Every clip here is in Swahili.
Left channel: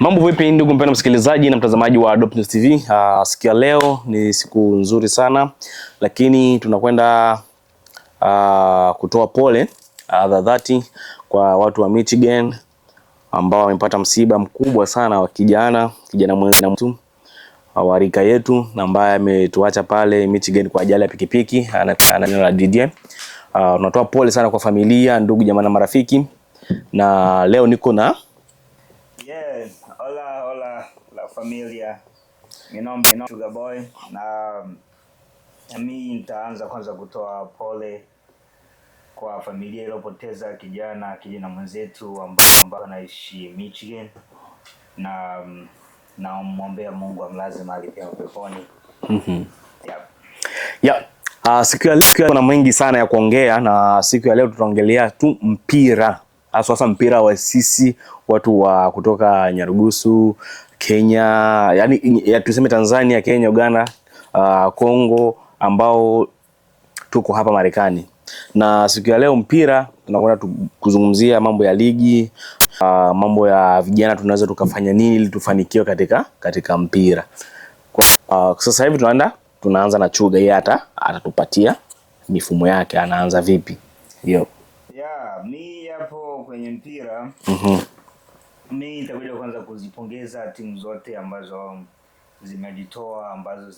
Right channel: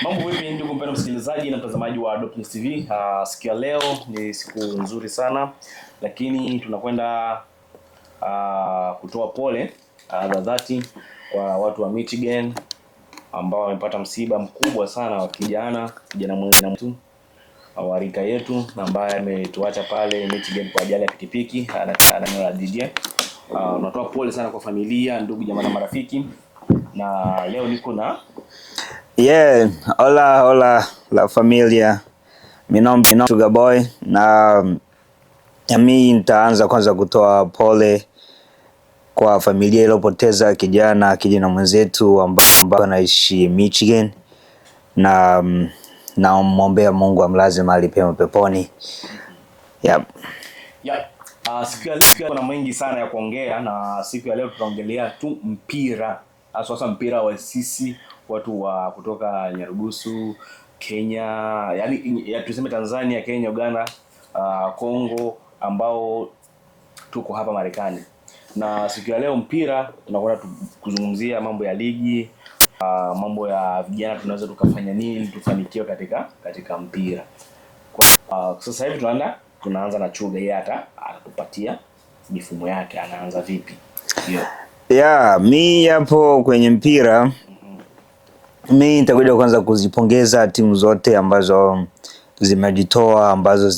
Mambo vipi ndugu mpendwa msikilizaji na mtazamaji wa Dope News TV. Siku ya leo ni siku nzuri sana, lakini tunakwenda kutoa pole za dhati kwa watu wa Michigan ambao wamepata msiba mkubwa sana wa kijana mwenzetu wa rika yetu na ambaye ametuacha pale Michigan kwa ajali ya pikipiki na Didier. Tunatoa pole sana kwa familia, ndugu, jamaa na marafiki, na leo niko na hola la familia. Minombe Sugar Boy, na mimi nitaanza kwanza kutoa pole kwa familia iliyopoteza kijana mwenzetu ambaye anaishi Michigan, na naomba Mungu amlaze mahali pema peponi. Siku ya leo kuna mengi sana ya kuongea, na siku ya leo tutaongelea tu mpira, hasa mpira wa sisi watu wa kutoka Nyarugusu, Kenya, yani tuseme Tanzania, Kenya, Uganda, Kongo, ambao tuko hapa Marekani. Na siku ya leo mpira tunakwenda kuzungumzia mambo ya ligi, mambo ya vijana, tunaweza tukafanya nini ili tufanikiwe katika mpira. Sasa hivi tunaanza na Chuga, yeye atatupatia mifumo yake, anaanza vipi? Mi hapo kwenye mpira, mi nitakuja kwanza kuzipongeza timu zote ambazo zimejitoa, ambazo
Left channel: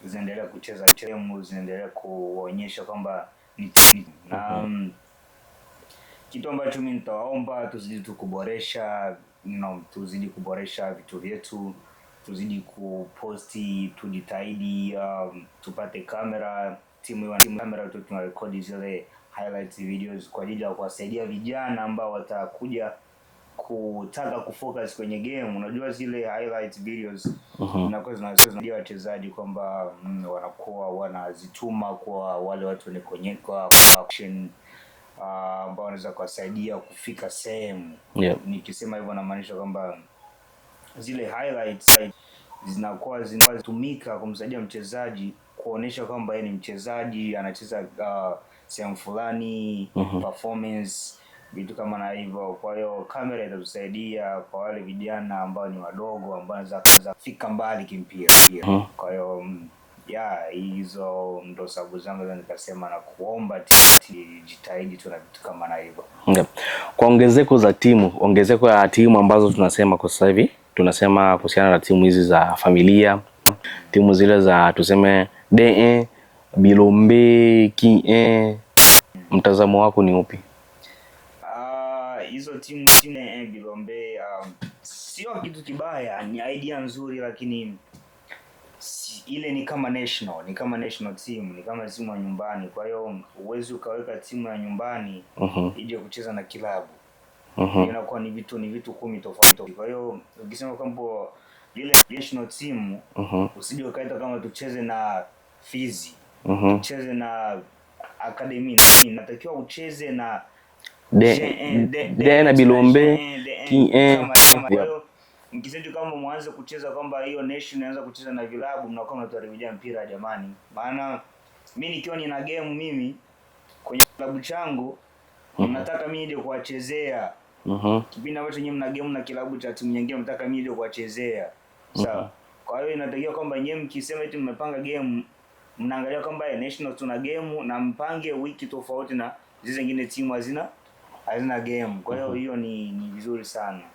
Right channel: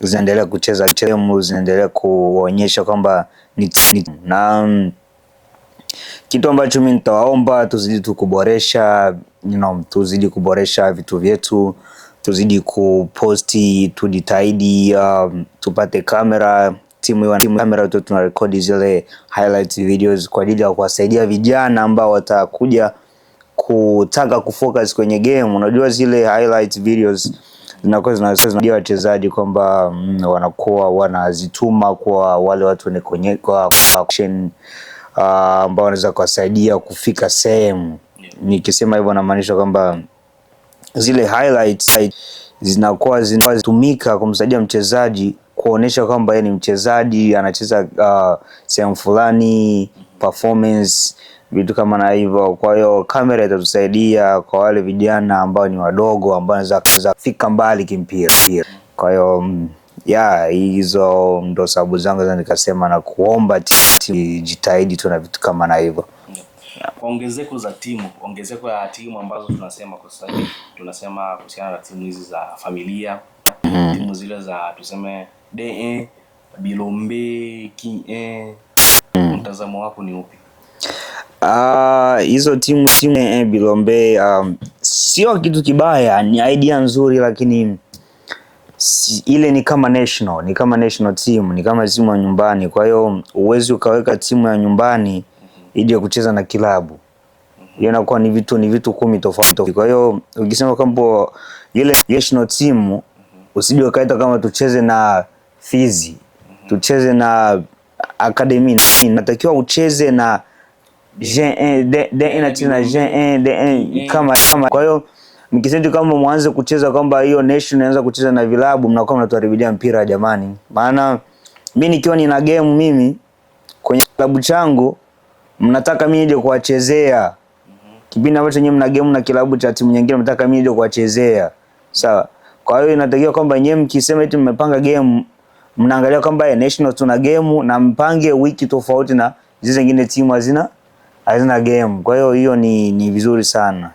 zinaendelea kucheza timu, zinaendelea kuonyesha kwamba na kitu ambacho mimi nitawaomba, tuzidi kuboresha, tuzidi kuboresha vitu vyetu, tuzidi kuposti, tujitahidi, tupate kamera, timu kamera tu, tunarekodi zile highlights videos kwa ajili ya kuwasaidia vijana ambao watakuja kutaka kufocus kwenye game. Unajua zile highlights videos zinakuwa zinasaidia wachezaji kwamba wanakuwa wanazituma kwa wale watu wenye kwa action ambao wanaweza kuwasaidia kufika sehemu. Nikisema hivyo namaanisha kwamba zile highlights zinakuwa zinatumika kumsaidia mchezaji kuonesha kwamba yeye ni mchezaji, anacheza sehemu fulani, performance, vitu kama na hivyo. Kwa hiyo kamera itatusaidia kwa wale vijana ambao ni wadogo, ambao wanaweza kufika mbali kimpira. Kwa hiyo hizo ndo sababu zangu za nikasema na kuomba jitahidi tu na vitu kama na hivyo. Kwa ongezeko ya timu ambazo tunasema kwa sasa hivi, tunasema kuhusiana na timu hizi za familia, timu zile za tuseme DE, Bilombe, KIE, mtazamo wako ni upi? Hizo timu Bilombe, sio kitu kibaya, ni idea nzuri, lakini ile ni kama national team, ni kama timu ya nyumbani. Kwa hiyo uwezi ukaweka timu ya nyumbani ije kucheza na kilabu. Inakuwa ni vitu 10 tofauti. Kwa hiyo ukisema kwamba ile national team, usije ukaita kama tucheze na Fizi, tucheze na Academy, natakiwa ucheze na kama. Kwa hiyo mkisema kama mwanze kucheza kwamba hiyo nation inaanza kucheza na vilabu, mnakuwa mnatuharibia mpira jamani. Maana mimi nikiwa nina game mimi kwenye klabu changu, mnataka mimi nije kuwachezea. Kipindi ambacho nyinyi mna game na kilabu cha timu nyingine, mnataka mimi nije kuwachezea. Sawa. Kwa hiyo inatakiwa kwamba nyinyi mkisema eti mmepanga game, mnaangalia kwamba national tuna game na mpange wiki tofauti na hizo zingine timu hazina game. Kwa hiyo ni vizuri sana.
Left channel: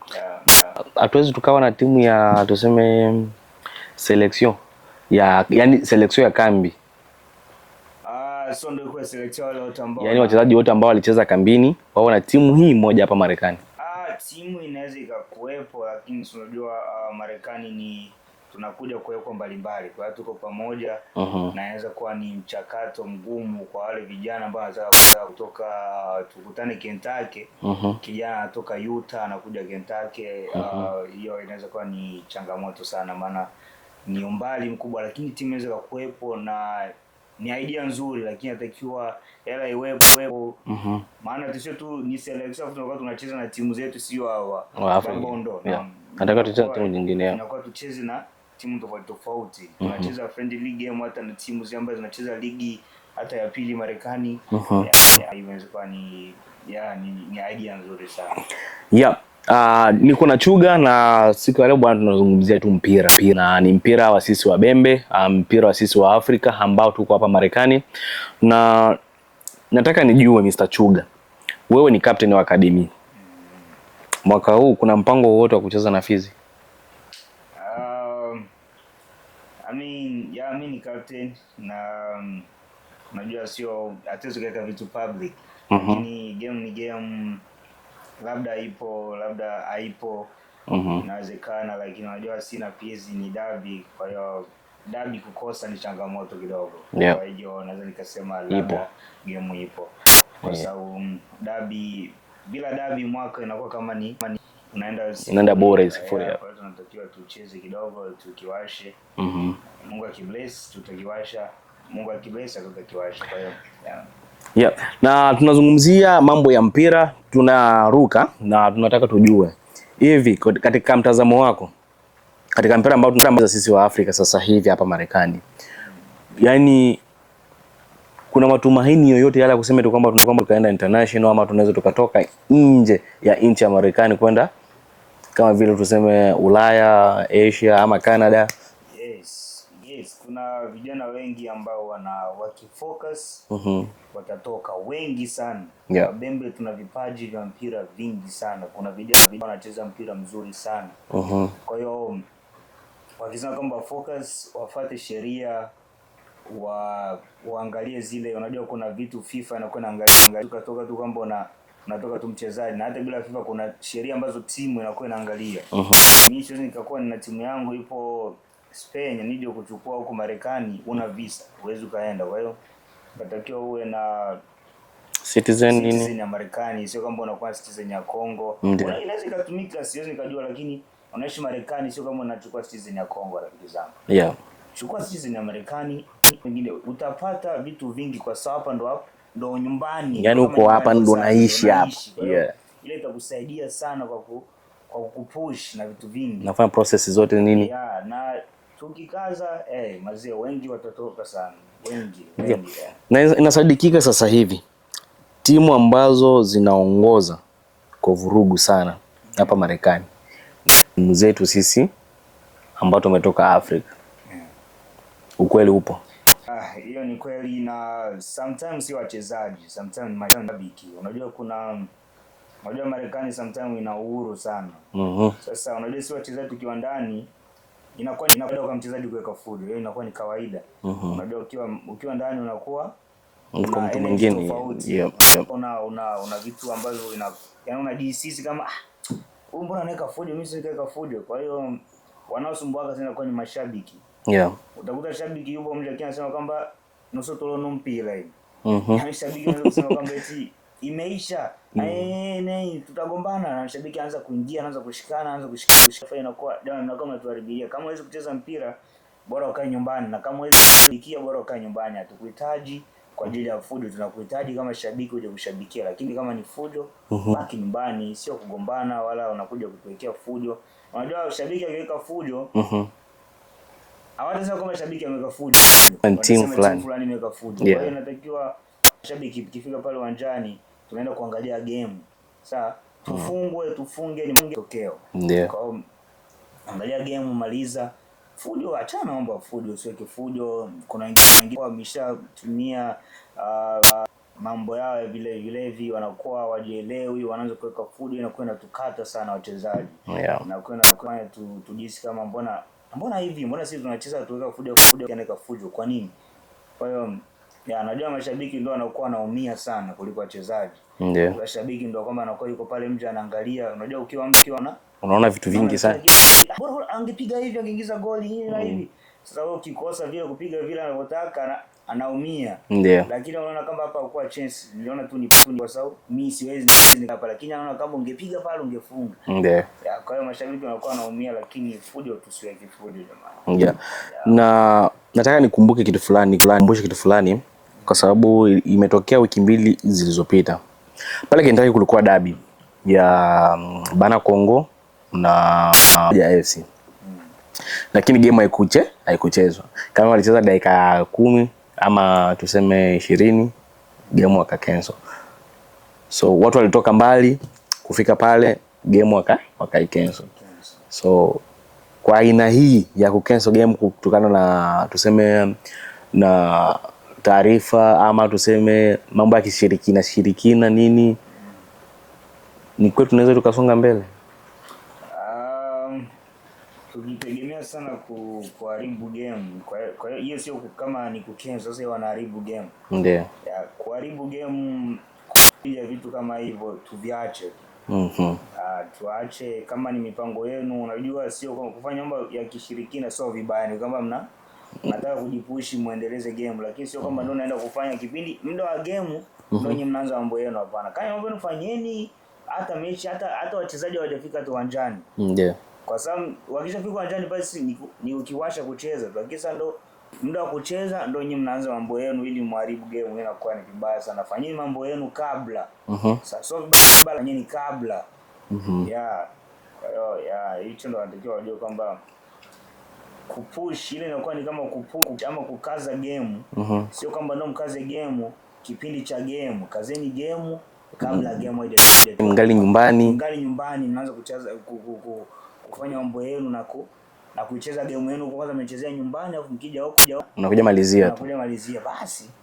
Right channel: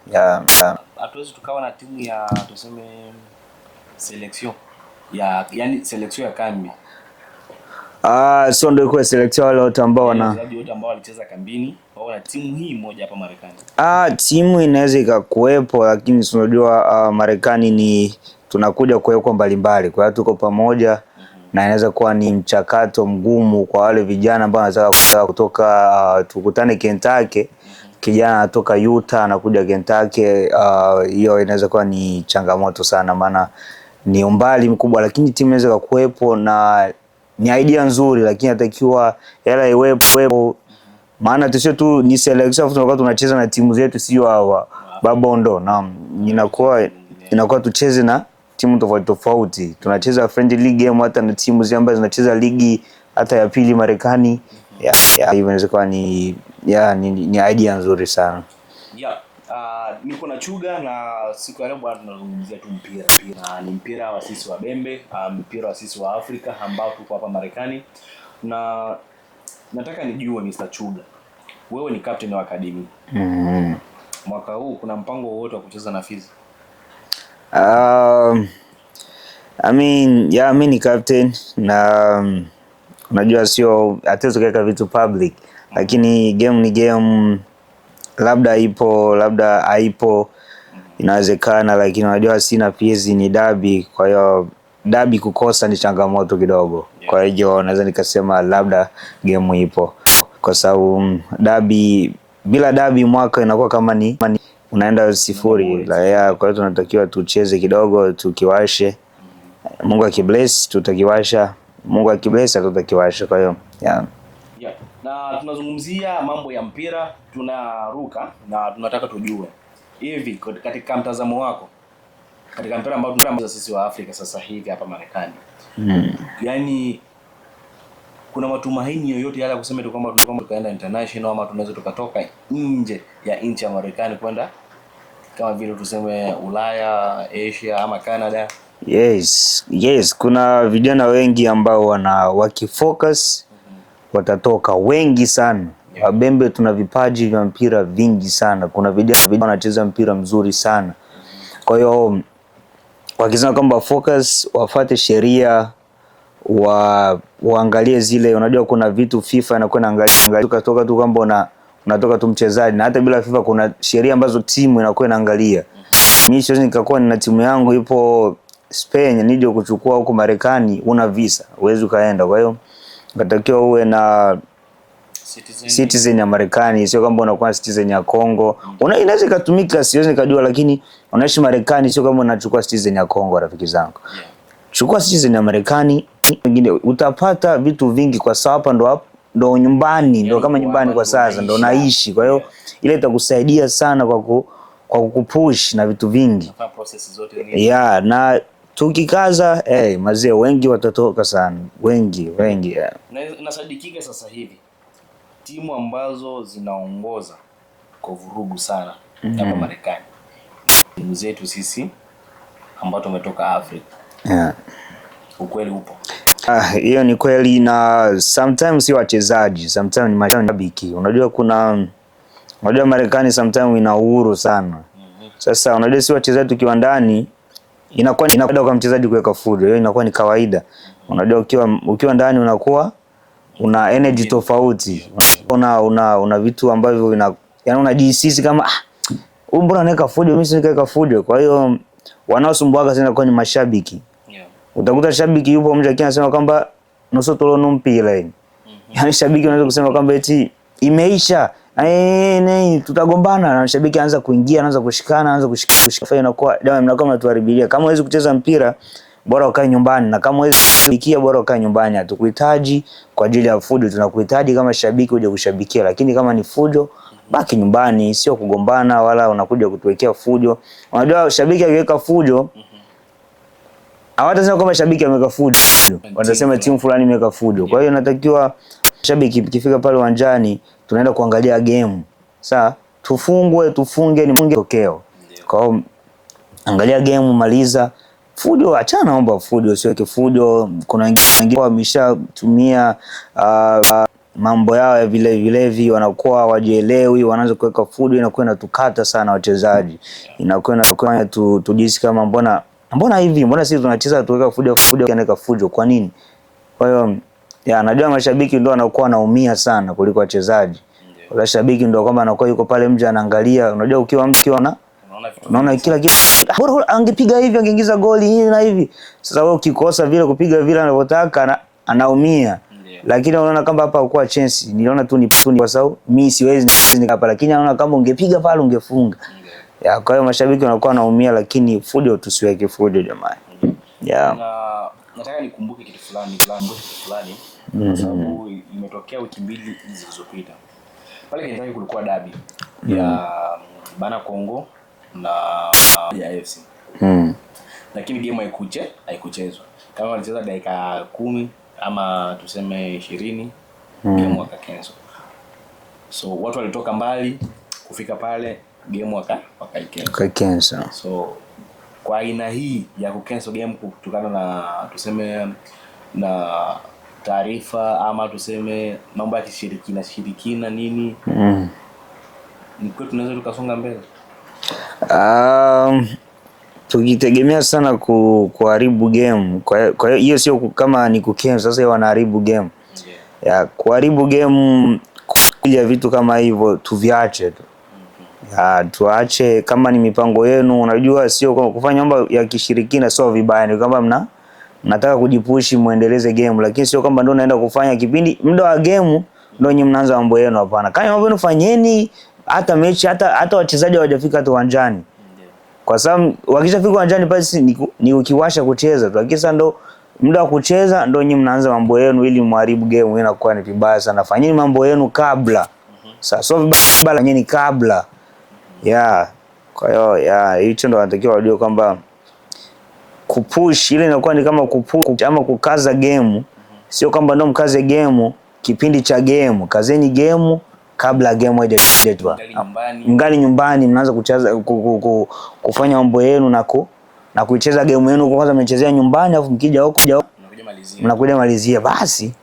Hatuwezi tukawa na timu ya tuseme selection yani selection ya kambi. Sio ndio kwa selection wale wote ambao wachezaji wote ambao walicheza kambini wao na timu hii moja hapa Marekani. Timu inaweza ikakuepo, lakini unajua Marekani ni tunakuja kuwekwa mbalimbali, kwa hiyo tuko pamoja, na inaweza kuwa ni mchakato mgumu kwa wale vijana ambao wanataka kutoka tukutane Kentucky, kijana anatoka Utah anakuja Kentucky, hiyo inaweza kuwa ni changamoto sana, maana ni umbali mkubwa, lakini timu inaweza kuwepo na ni idea nzuri, lakini inatakiwa hela iwepo. Maana tusio tu ni selection tunakuwa tunacheza na timu zetu, sio hawa Babondo, na inakuwa tucheze na timu tofauti. Tunacheza friendly league game hata na timu zile ambazo zinacheza ligi hata ya pili Marekani. Hivyo inaweza kuwa ni idea nzuri sana. Niko na Chuga na siku ya leo bwana, tunazungumzia tu mpira. Na ni mpira wa sisi wa Bembe, mpira wa sisi wa Afrika ambao tuko hapa Marekani. Na nataka nijue Mr. Chuga, wewe ni captain wa academy. Mwaka huu kuna mpango wowote wa kucheza na Fizi? Mi ni captain na unajua sio hatuwezi kuweka vitu public, lakini game ni game, labda ipo labda haipo, inawezekana, lakini unajua sina Fizi ni derby, kwa hiyo derby kukosa ni changamoto kidogo. Kwa hiyo naweza nikasema labda game ipo, kwa sababu derby, bila derby mwaka inakuwa kama ni unaenda sifuri. Kwa hiyo tunatakiwa tucheze kidogo, tukiwashe. Mungu akibless tutakiwasha, Mungu akibless tutakiwasha. Kwa hiyo na tunazungumzia mambo ya mpira, tunaruka na tunataka tujue hivi katika mtazamo wako, katika mpira ambao tunacheza sisi wa Afrika sasa hivi hapa Marekani, yani kuna matumaini yoyote yale ya kusema tu kwamba tukaenda international, ama tunaweza tukatoka nje ya nchi ya Marekani kwenda kama vile tuseme Ulaya, Asia ama Canada? Yes, kuna vijana wengi ambao wakifocus watatoka wengi sana. Wabembe tuna vipaji vya mpira vingi sana. Kuna vijana wanacheza mpira mzuri sana. Kwa hiyo wakisema kwamba focus, wafuate sheria, waangalie zile, unajua kuna vitu FIFA inakuwa inaangalia, tukatoka tu kwamba unatoka tu mchezaji, na hata bila FIFA kuna sheria ambazo timu inakuwa inaangalia. Mimi siwezi nikakuwa nina timu yangu ipo Spain nije kuchukua huko Marekani, una visa, huwezi kaenda. Kwa hiyo unatakiwa uwe na citizen ya Marekani, sio kwamba unakuwa citizen ya Kongo. Inaweza kutumika, siwezi nikajua, lakini unaishi Marekani, sio kama unachukua citizen ya Kongo. Rafiki zangu, chukua citizen ya Marekani, wengine utapata vitu vingi, kwa sababu hapa ndo nyumbani, ndo kama nyumbani kwa sasa ndo naishi. Kwa hiyo ile itakusaidia sana kwa kukupush na vitu vingi, nafanya process zote nini. Na tukikaza mazee wengi watatoka sana, wengi. Na inasadikika sasa hivi timu ambazo zinaongoza kwa vurugu sana hapa Marekani, timu zetu sisi ambao tumetoka Afrika. Ukweli upo? Hiyo ni kweli, na sometimes si wachezaji, sometimes ni mashabiki. Unajua Marekani sometimes ina uhuru sana. Sasa unajua si wachezaji tukiwa ndani inakuwa ni kawaida kwa mchezaji kuweka fujo, hiyo inakuwa ni kawaida. Unajua ukiwa ndani unakuwa una energy tofauti, una vitu ambavyo yani unajihisi kama mbona anaweka fujo, mimi si nikaweka fujo. Kwa hiyo wanaosumbuaga sana kwa ni mashabiki. Utakuta shabiki yupo mmoja anasema kwamba nusu tolo mpira yani shabiki anaweza kusema kwamba eti imeisha, tutagombana, na shabiki anaanza kuingia, anaanza kushika, inakuwa dawa, mnakuwa mnatuharibilia. Kama huwezi kucheza mpira, bora ukae nyumbani, na kama huwezi kushabikia, bora ukae nyumbani. Hatukuhitaji kwa ajili ya fujo, tunakuhitaji kama shabiki uje kushabikia, lakini kama ni fujo, baki nyumbani, sio kugombana wala unakuja kutuwekea fujo. Unajua shabiki akiweka fujo, hawatasema kama shabiki ameweka fujo, watasema timu fulani imeweka fujo. Kwa hiyo natakiwa shabiki ikifika pale uwanjani, tunaenda kuangalia game. Sawa, tufunge ni tokeo. Kwa hiyo angalia game, maliza. Fujo achana, naomba fujo, usiweke fujo. Kuna wengine wameshatumia mambo yao ya vilevi, wanakuwa hawajielewi, wanaanza kuweka fujo, inakuwa inatukata sana wachezaji. Inakuwa tujisi kama mbona hivi, mbona sisi tunacheza tuweka fujo kanaweka fujo, kwa nini? Kwa hiyo najua mashabiki ndio wanakuwa wanaumia sana kuliko wachezaji. Wala shabiki ndio kwamba anakuwa yuko pale mje anaangalia. Unajua ukiwa unaona vitu vingi sana, bora angepiga hivi, angeingiza goli hivi na hivi. Sasa wewe ukikosa vile kupiga vile anavyotaka, anaumia. Lakini unaona kama hapa kwa chance, niliona tu ni kwa sababu mimi siwezi hapa, lakini anaona kama ungepiga pale ungefunga. Kwa hiyo mashabiki wanakuwa wanaumia, lakini fujo tusiweke fujo jamani. Na nataka nikumbuke kitu fulani, kwa sababu imetokea wiki mbili zilizopita. Pale Kentucky kulikuwa derby ya Bana Kongo na ya FC. Lakini game haikuchezwa. Kama walicheza dakika 10 ama tuseme 20, game waka cancel. So watu walitoka mbali kufika pale, game wakaikansel. So kwa aina hii ya kucancel game kutokana na tuseme na taarifa ama tuseme mambo ya kishirikina nini, ni kwetu tunaweza tukasonga mbele? Tukitegemea sana kuharibu game, kwa hiyo sio kama ni kucancel sasa wanaharibu game. Ndio. Ya kuharibu game kuja vitu kama hivyo tuviache tu. Tuache kama ni mipango yenu, unajua sio kufanya mambo ya kishirikina sio vibaya, ni kama mnataka kujipushi muendeleze game, lakini sio kama ndio naenda kufanya kipindi muda wa game ndio nyinyi mnaanza mambo yenu, hapana. Kama mambo yenu fanyeni hata mechi hata wachezaji hawajafika hata uwanjani. Ndio. Kwa sababu wakishafika uwanjani basi ni ukiwasha kucheza tu. Lakini ndo muda wa kucheza ndio nyinyi mnaanza mambo yenu ili mharibu game, inakuwa ni vibaya sana. Fanyeni mambo yenu kabla. Sasa so vibaya nyinyi kabla. Kwa hiyo hicho ndo wanatakiwa wajue kwamba kupush ile inakuwa ni kama kupush ama kukaza game. Sio kwamba ndo mkaze game kipindi cha game. Kazeni game kabla game haijatua. Ngali nyumbani mnaanza kucheza kufanya mambo yenu na kuicheza game yenu, kwanza mmechezea nyumbani afu mkija huko unakuja malizia basi.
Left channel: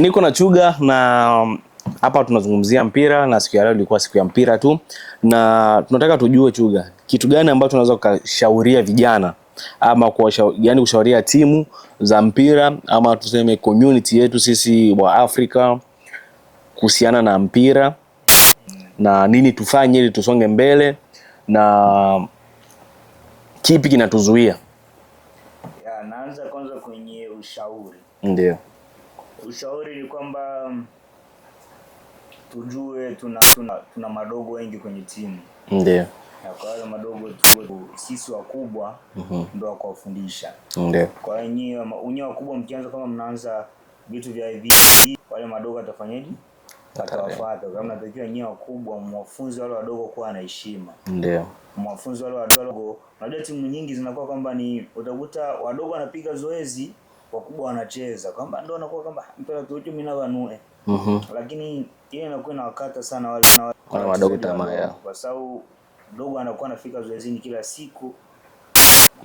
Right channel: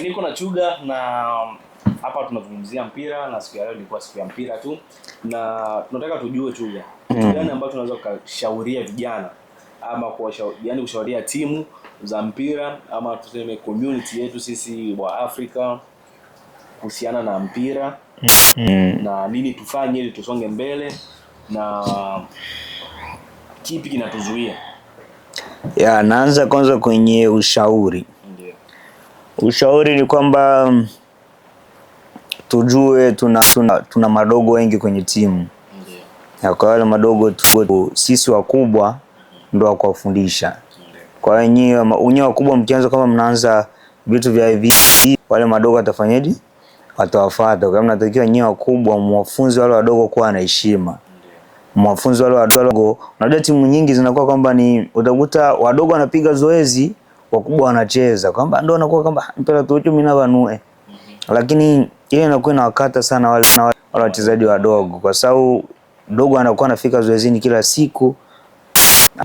Niko na Chuga na hapa tunazungumzia mpira, na siku ya leo ilikuwa siku ya mpira tu, na tunataka tujue Chuga, kitu gani ambacho tunaweza kushauria vijana ama kushauria timu za mpira ama tuseme community yetu sisi wa Afrika kuhusiana na mpira na nini tufanye ili tusonge mbele na kipi kinatuzuia? Naanza kwanza kwenye ushauri. Ndio. Ushauri ni kwamba tujue tuna madogo wengi kwenye timu. Ndio. Kwa wale madogo sisi wakubwa ndio wa kuwafundisha. Ndio. Kwa hiyo nyinyi wakubwa mkianza kama mnaanza vitu vya hivi, wale madogo watafanyaje? Watawafuata. Kama natakiwa nyinyi wakubwa mwafunze wale wadogo kuwa na heshima. Ndio. Mwafunze wale wadogo. Unajua timu nyingi zinakuwa kwamba ni utakuta wadogo wanapiga zoezi, wakubwa wanacheza. Kwamba ndio wanakuwa kwamba mpira tu mimi na wanue. Lakini ile inakuwa inawakata sana wale wachezaji wadogo, kwa sababu dogo anakuwa anafika zoezini kila siku.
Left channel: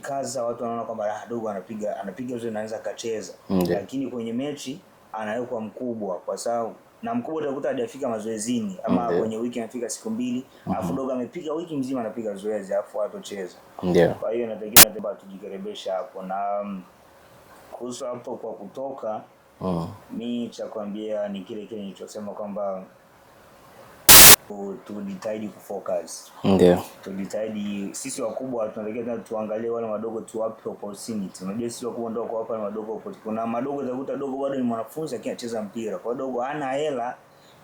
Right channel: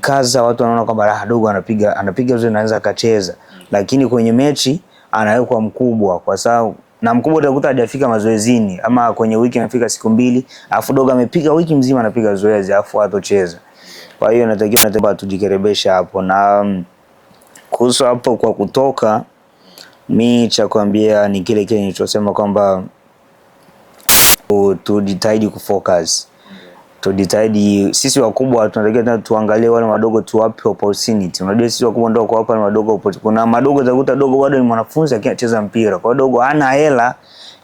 Kaza watu wanaona kwamba dogo anapiga zoezi anaweza akacheza. Lakini kwenye mechi anawekwa mkubwa, kwa sababu na mkubwa utakuta hajafika mazoezini ama kwenye wiki anafika siku 2, alafu dogo amepiga wiki mzima anapiga zoezi alafu hatocheza. Kwa hiyo natakiwa tujikerebesha hapo. Na kuhusu hapo kwa kutoka, mimi cha kuambia ni kile nilichosema kwamba tujitahidi kufocus. Ndio. Tujitahidi sisi wakubwa tunatakiwa tuangalie wale wadogo tuwape opportunity. Unajua sisi wakubwa ndio kwa hapa wadogo opportunity. Kuna madogo utakuta dogo bado ni mwanafunzi akicheza mpira. Kwa hiyo dogo hana hela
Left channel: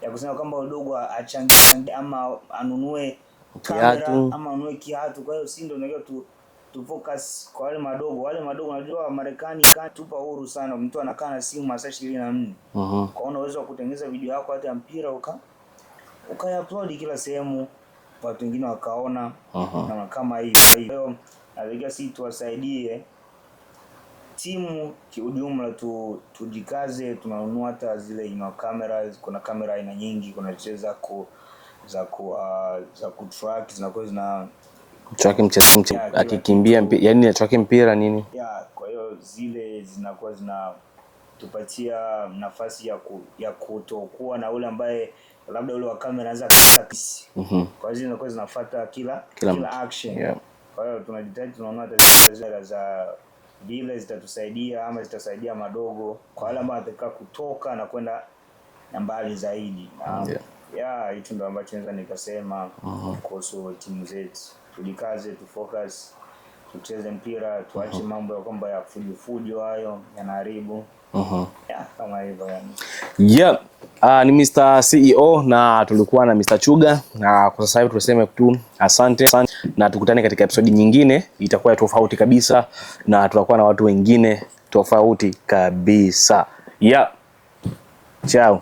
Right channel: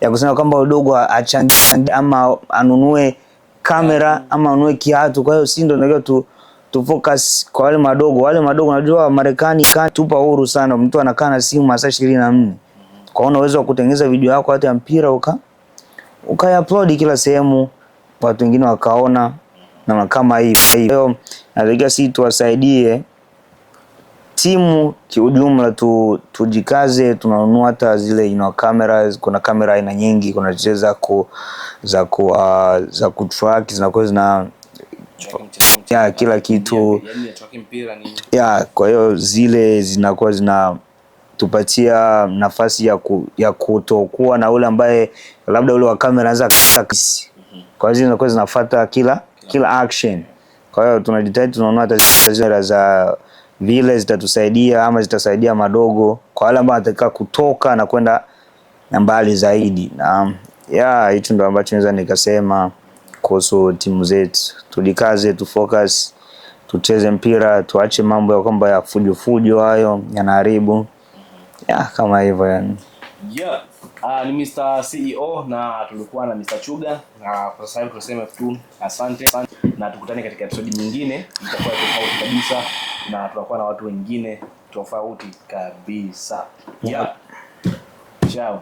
ya kusema kwamba dogo achangie ama anunue kamera ama anunue kiatu. Kwa hiyo sisi ndio tunatakiwa tu focus kwa wale madogo. Wale madogo unajua Marekani tupa huru sana. Mtu anakaa na simu masaa 24. Kwa hiyo unaweza kutengeneza video yako hata ya mpira ukaiupload kila sehemu, watu wengine wakaona na kama hiyo. Nataka sisi tuwasaidie timu kiujumla, tujikaze, tunanunua hata zile cameras. Kuna kamera aina nyingi, kuna za kutrack zinakuwa zina track mchezo kila kitu, yani track mpira nini. Kwa hiyo zile zinakuwa tupatia nafasi ya kutokuwa na ule ambaye labda ule wa kamera anaweza kukisi. Kwa hiyo zinakuwa zinafuata kila action. Kwa hiyo tunajitahidi tunanunua hata zile za vile zitatusaidia ama zitasaidia madogo kwa wale ambao wanataka kutoka na kwenda mbali zaidi. Na hicho ndio ambacho naweza nikasema kuhusu timu zetu. Tujikaze, tufocus, tucheze mpira, tuache mambo ya kwamba ya fujo hayo yanaharibu. Kama hivyo yani. Ni Mr. CEO na tulikuwa na Mr. Chuga, na kwa sasa hivi tunasema tu asante na tukutane katika episode nyingine, itakuwa tofauti kabisa na tutakuwa na watu wengine tofauti kabisa. Ciao.